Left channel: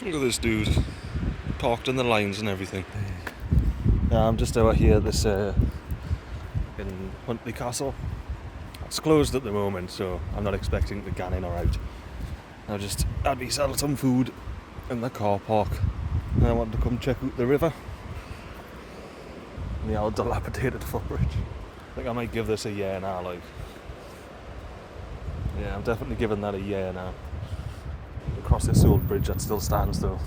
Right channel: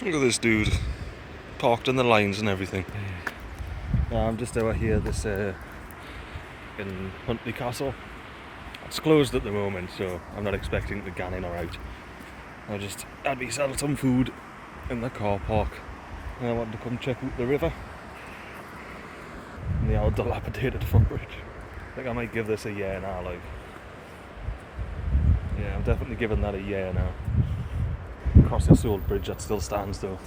Look at this dude, parked in the lines and everything. Yeah, I'm just out here at this in Huntly Castle. It's closed at the moment, so I'm not expecting to get in or out. I just had myself some food in the car park, and I wanted to come check out the river and the old dilapidated footbridge. I think I might give this a year now, like. Yeah, I'm definitely giving that a year now. Across this old bridge that still stands though.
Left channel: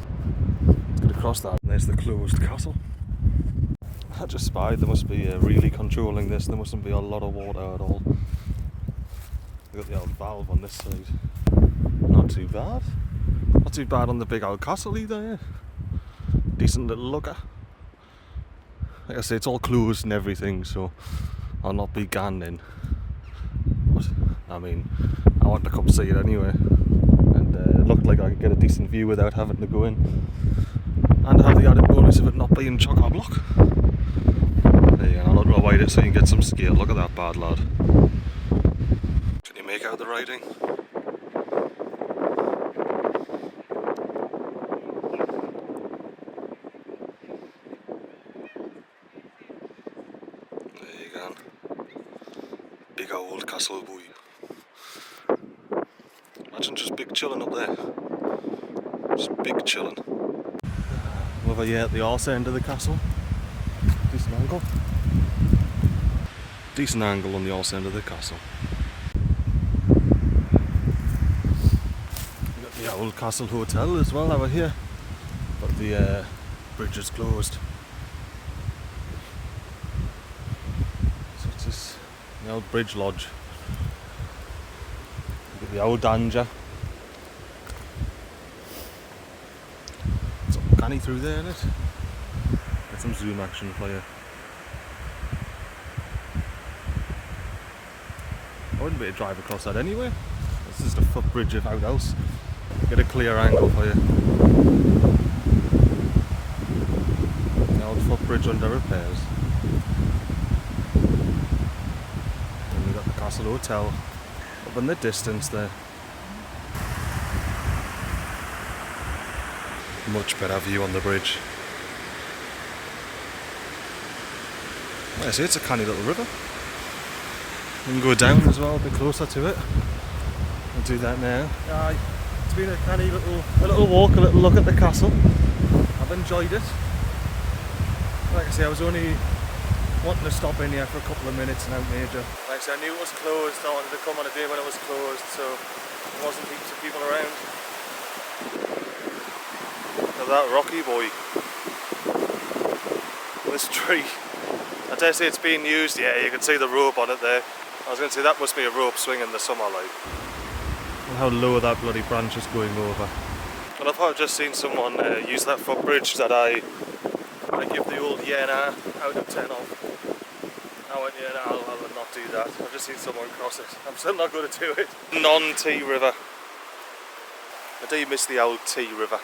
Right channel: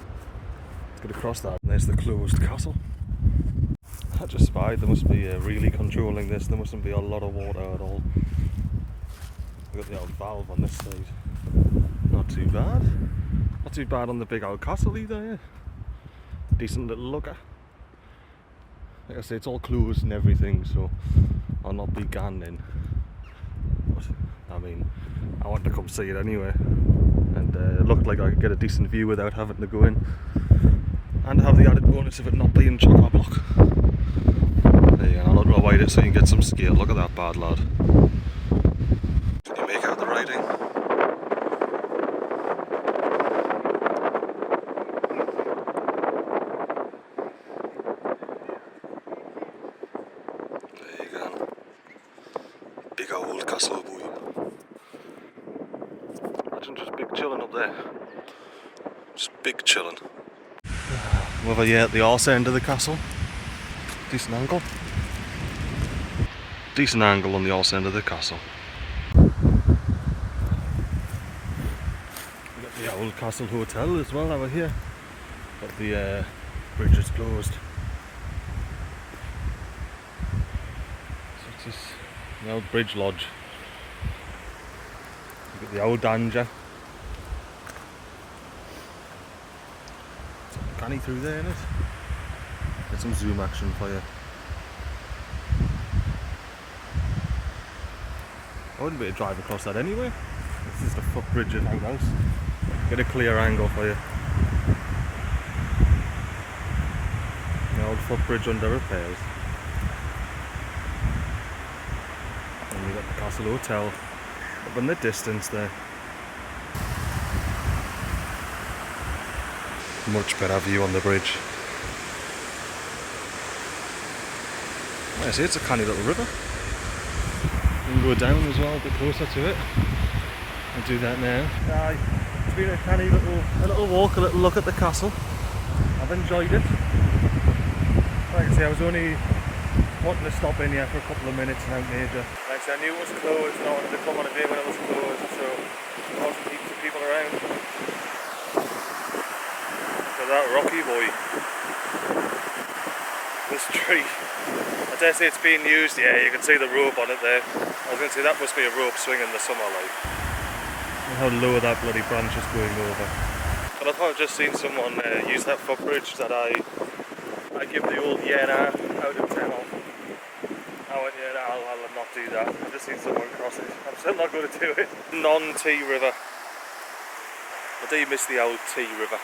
It's gonna cross that. And there's the closed castle. I just spied they must be really controlling this. There mustn't be a lot of water at all. We've got the old valve on this side. Not too bad. Not too bad on the big old castle either, yeah. Decent little looker. Like I say, it's all closed and everything, so I'll not be going in. But, I mean, I want to come see it anyway. And it looked like I could get a decent view without having to go in. And have the added bonus of it not being chock-a-block. There you go, I'll not wide it so you can get some scale. Look at that bad lad. Can you make out the writing? There you go. Big old castle boy. Imagine just big chilling up there. Just big chilling. I'm over here at the arse end of the castle. Decent angle. Decent angle on the arse end of the castle. We've got the old castle hotel as well over here. But the bridge is closed. So it's just the old bridge lodge. We've got the old danger. Canny through there, innit? Get some zoom action for you. I wouldn't be able to drive across that anyway. This is the footbridge of out else. Get a clear angle for you. The old footbridge under repairs. And we got the Castle Hotel up in the distance there. Much better view on the bridge. Like I say, it's a canny little river. You can go down as well, a bit closer to it. I'll do that now. Aye, it's been a canny little walk, a little look at the castle. I've enjoyed it. Like I say, I was only wanting to stop in here for a couple of minutes and out major. Like I say, I knew it was closed, I wanted to come on a day when it was closed, so there wasn't heaps of people around. Look at that rocky boy. This tree. I dare say it's being used, yeah, you can see the rope on it there. I was going to say that must be a rope swing in the summer, like. And how low that bloody branch is going over. And I thought I've just seen someone use that footbridge that I give the old Yena out of 10 of. I went, yeah, I'll not do that. I've just seen someone cross it. I'm still not going to do it. Non-T river. I do miss the old T river.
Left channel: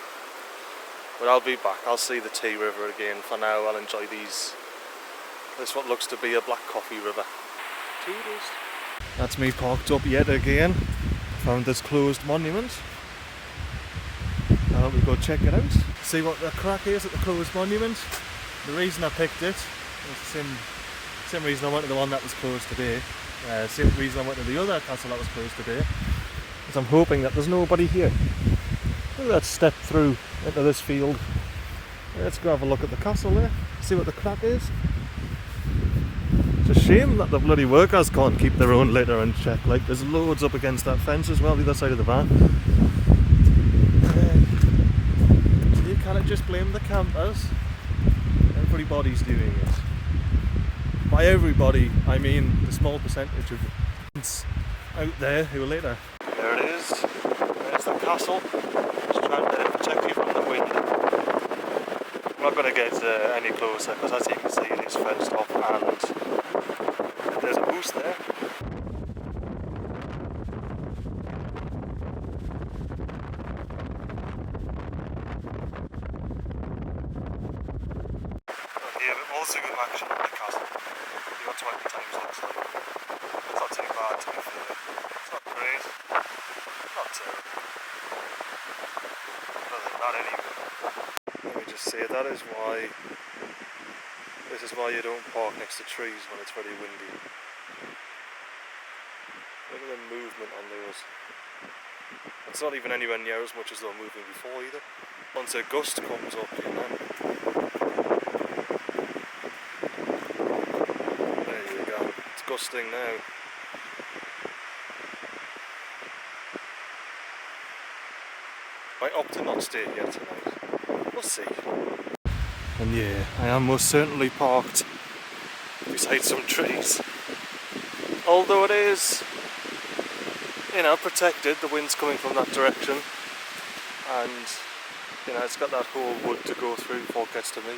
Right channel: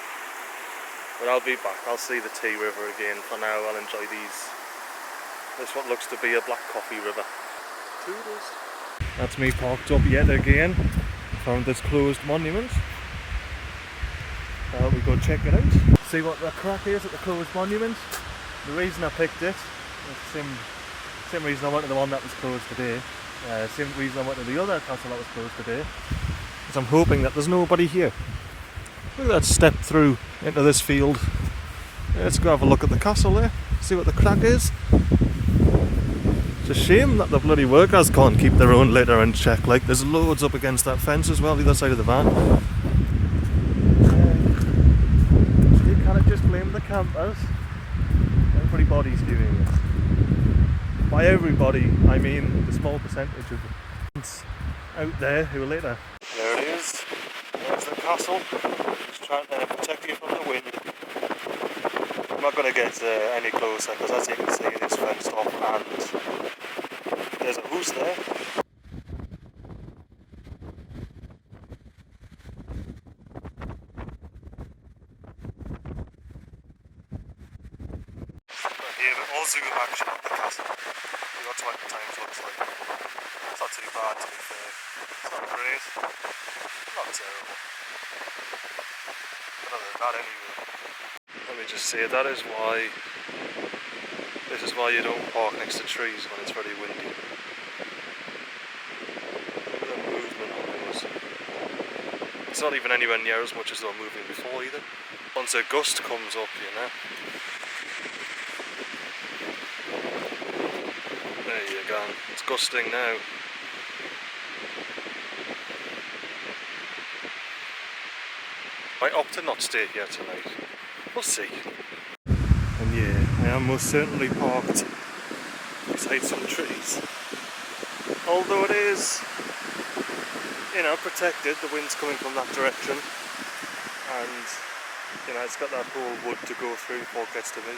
But I'll be back. I'll see the T river again. For now, I'll enjoy these. This what looks to be a black coffee river. Toodles. That's me parked up yet again. Found this closed monument. Now we go check it out. See what the crack is at the closed monument. The reason I picked it, it's the same reason I went to the one that was closed today. Same reason I went to the other castle that was closed today. Is I'm hoping that there's nobody here. Look at that step through into this field. Let's go have a look at the castle there. See what the crack is. It's a shame that the bloody workers can't keep their own litter in check. Like, there's loads up against that fence as well, the other side of the van. You cannot just blame the campers. Everybody's doing it. By everybody, I mean the small percentage of out there who are litter. There it is. There's the castle. It's trying to protect you from the wind. I'm not going to get any closer because as you can see it is fenced off and there's a goose there. Here, but more zoom action at the castle. See what 20 times looks like. It's not too bad to be fair. It's not great. Not terrible. better than that anyway. Let me just say, that is why, this is why you don't park next to trees when it's very windy. Look at the movement on those. It's not even anywhere near as much as they were moving before either. Once a gust comes up, you know. There you go. It's gusting now. Might opt to not stay here tonight. We'll see. And yeah, I am most certainly parked beside some trees. Although it is, you know, protected, the wind's coming from that direction. And, you know, it's got that whole wood to go through before it gets to me.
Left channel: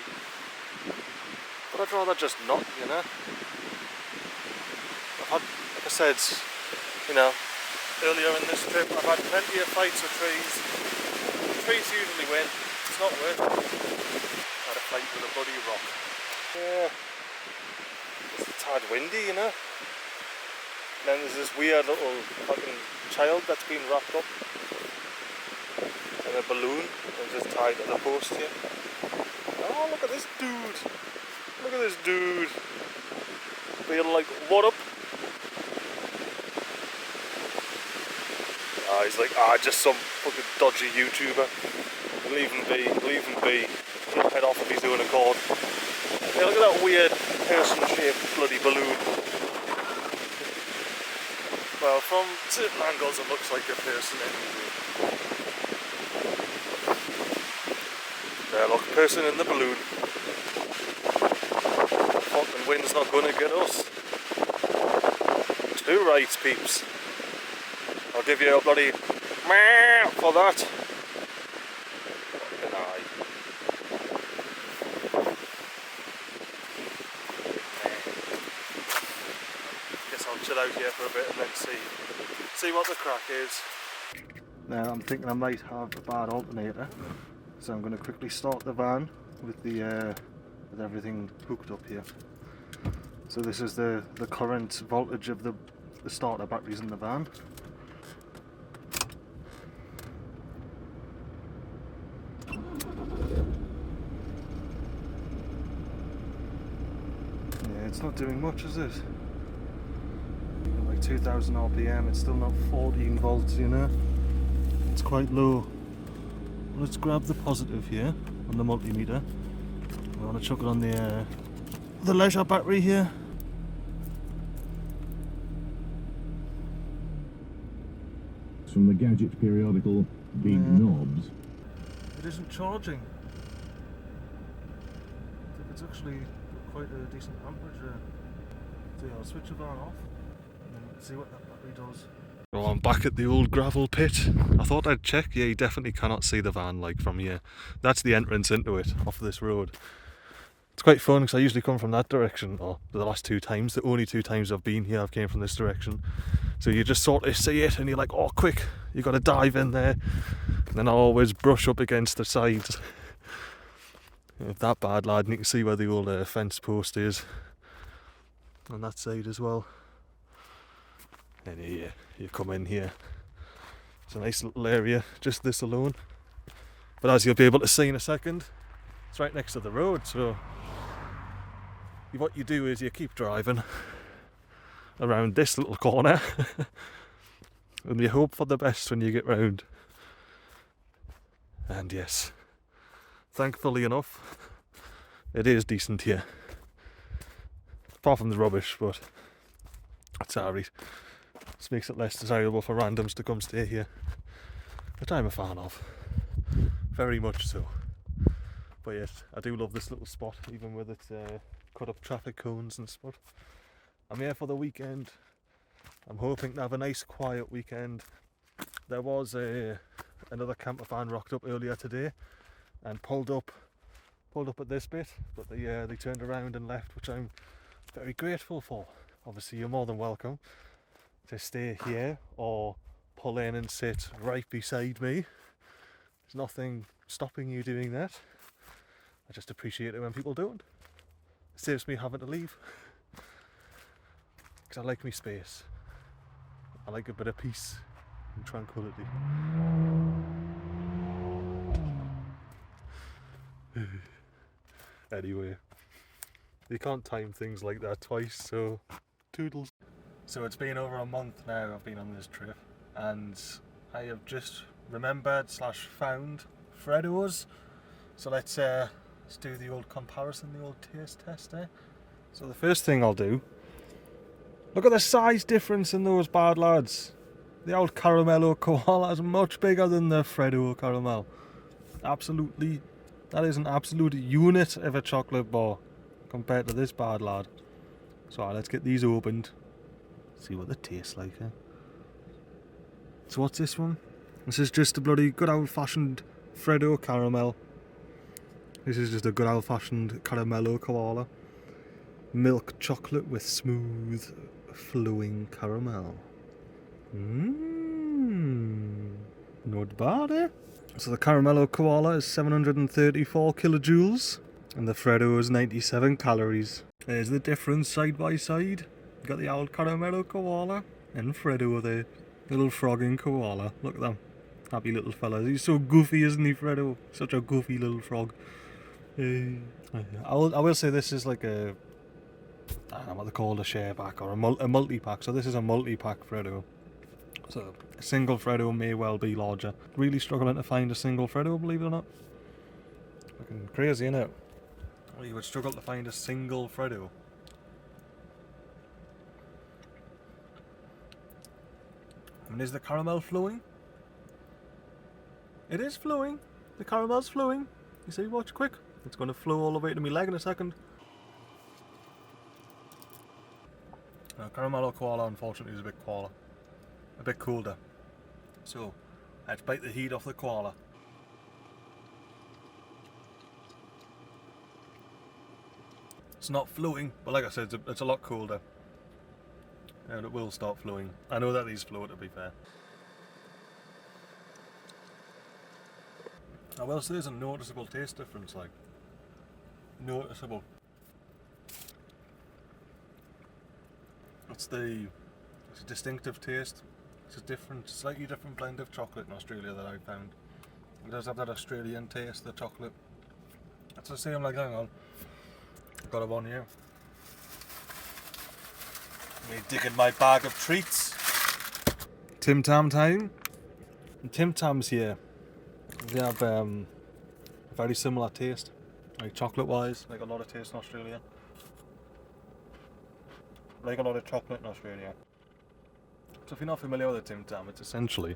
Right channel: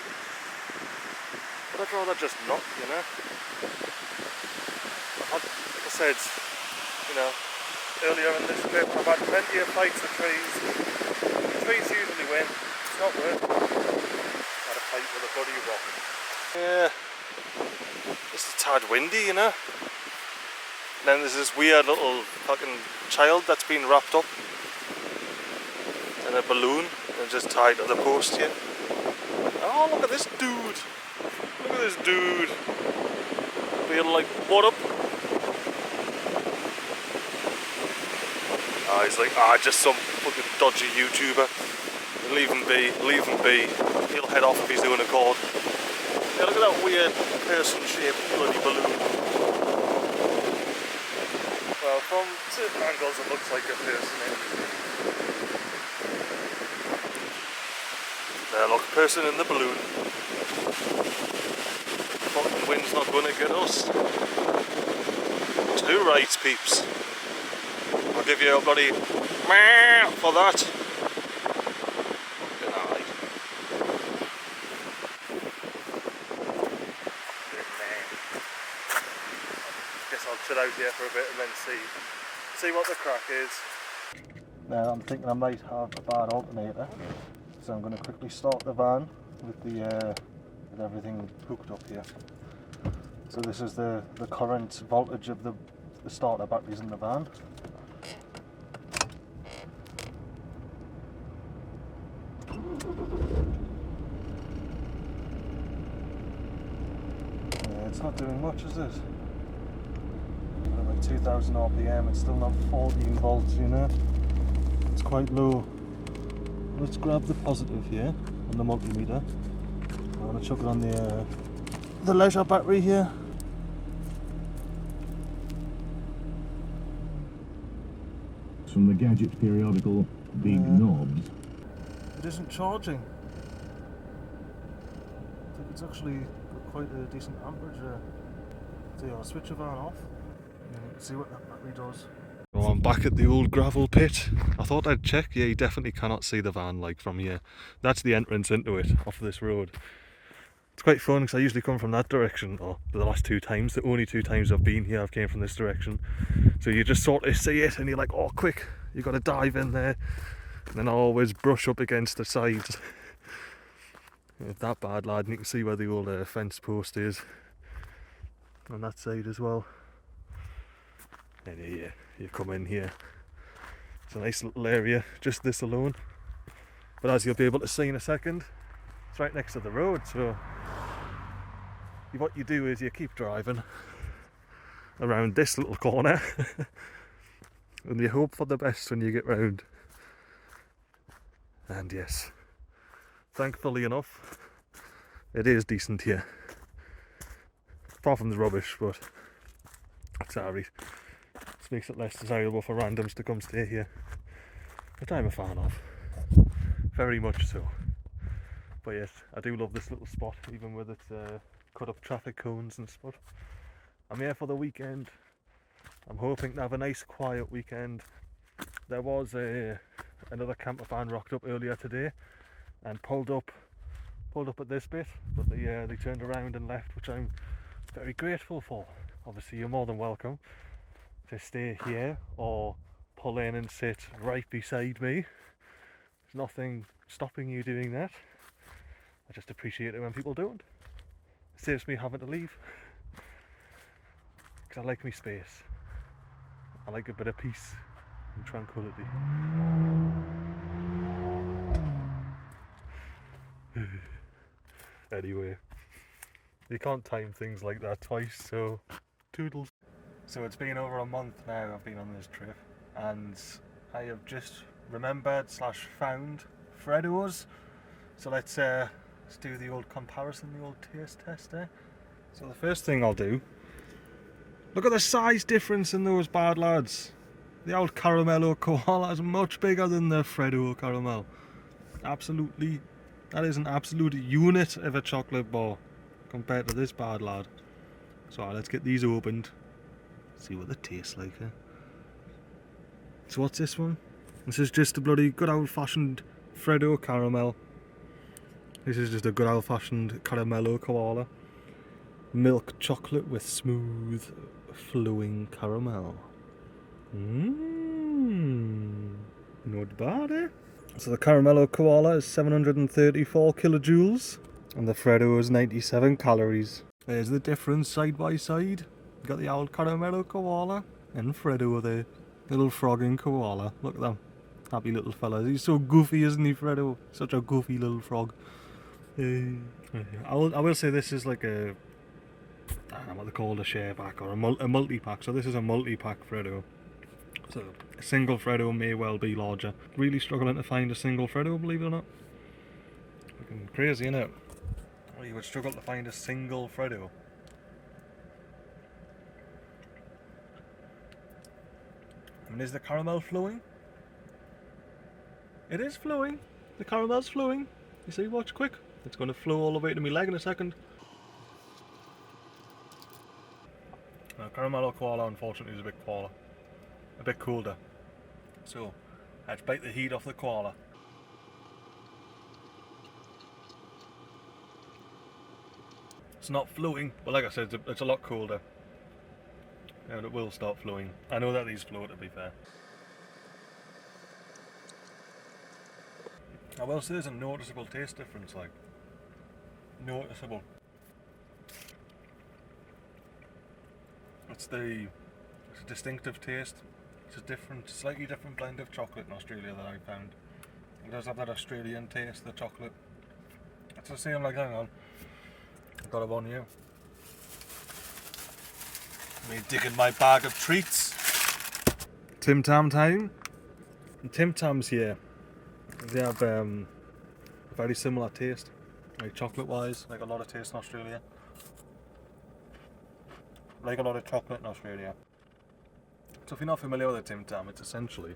But I'd rather just not, you know. I've had, like I said, you know, earlier in this trip, I've had plenty of fights with trees. Trees usually win. It's not worth it. I had a fight with a bloody rock. Yeah, it's a tad windy, you know. And then there's this weird little fucking child that's been wrapped up in a balloon and just tied to the post here. Oh, look at this dude. Look at this dude. Being like, what up? He's like, just some fucking dodgy YouTuber. Leave him be, leave him be. He'll head off if he's doing a chord. Yeah, look at that weird person-shaped bloody balloon. Well, from certain angles it looks like a person anyway. There, look, person in the balloon. The fucking wind's not gonna get us. 2 rights, peeps. I'll give you a bloody meh for that. Fucking aye. Guess I'll chill out here for a bit and then see what the crack is. Now I'm thinking I might have a bad alternator, so I'm going to quickly start the van with the with everything hooked up here. So this is the current voltage of the starter batteries in the van. It's not doing much, is it? Like 2000 RPM, it's still not 14 volts, you know? It's quite low. Let's grab the positive here on the multimeter. I want to chuck it on the leisure battery here. From the gadget periodical Big Knobs. It isn't charging. I think it's actually quite a decent amperage there. So yeah, I'll switch the van off and see what that battery does. Well, I'm back at the old gravel pit. I thought I'd check. Yeah, you definitely cannot see the van like from here. That's the entrance into it off this road. It's quite fun because I usually come from that direction, or the last 2 times, the only 2 times I've been here I've came from this direction. So you just sort of see it and you're like, oh quick, you got to dive in there. And then I always brush up against the sides. If that bad, lad, and you can see where the old fence post is on that side as well. And yeah, you come in here. It's a nice little area, just this alone. But as you'll be able to see in a second, it's right next to the road, so what you do is you keep driving around this little corner and you hope for the best when you get round. And yes, thankfully enough, it is decent here. Apart from the rubbish, but that's alright. This makes it less desirable for randoms to come stay here, which I'm a fan of. Very much so. But yes, I do love this little spot, even with its cut up traffic cones and stuff. I'm here for the weekend. I'm hoping to have a nice quiet weekend. There was another camper van rocked up earlier today and pulled up at this bit, but they turned around and left, which I'm very grateful for. Obviously you're more than welcome to stay here or pull in and sit right beside me. There's nothing stopping you doing that. I just appreciate it when people don't. It saves me having to leave, because I like my space. I like a bit of peace and tranquility. Anyway, you can't time things like that twice, so toodles. So it's been over a month now I've been on this trip, and I have just remembered / found Freddo's. So let's do the old comparison, the old taste test there. So the first thing I'll do, look at the size difference in those bad lads. The old Caramello Koala is much bigger than the Freddo Caramel. Absolutely, that is an absolute unit of a chocolate bar compared to this bad lad. So let's get these opened, see what they taste like. So what's this one? This is just a bloody good old fashioned Freddo caramel. This is just a good old fashioned Caramello Koala. Milk chocolate with smooth flowing caramel. Not bad, eh? So the Caramello Koala is 734 kilojoules and the Freddo is 97 calories. There's the difference side by side. You got the old Caramello Koala and Freddo there. Little frogging koala. Look at them. Happy little fellas. He's so goofy, isn't he, Freddo? Such a goofy little frog. I will say this is like a, I don't know what they call a share pack or a multi-pack. So this is a multi-pack Freddo. So a single Freddo may well be larger. Really struggling to find a single Freddo, believe it or not. Fucking crazy, innit? Well, you would struggle to find a single Freddo. I mean, is the caramel flowing? It is flowing. The caramel's flowing. You see, watch quick. It's going to flow all the way to my leg in a second. Caramello Koala, unfortunately, is a bit colder. So, let's bite the heat off the koala. It's not flowing, but like I said, it's a lot colder. And it will start flowing. I know that these flow, to be fair. I will say there's a noticeable taste difference, like, noticeable. It's a distinctive taste. It's a slightly different blend of chocolate in Australia that I found. It does have that Australian taste, the chocolate. It's the same, like, hang on. I've got it on here. Me digging my bag of treats. Tim Tam time. Tim Tams here, they have a very similar taste, like chocolate wise, like a lot of taste in Australia. Like a lot of chocolate in Australia. So if you're not familiar with a Tim Tam, it's essentially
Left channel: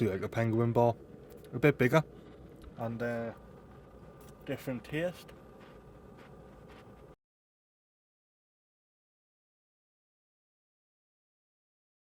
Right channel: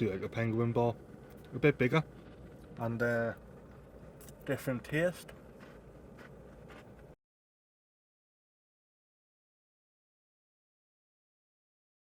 like a penguin bar, a bit bigger and different taste.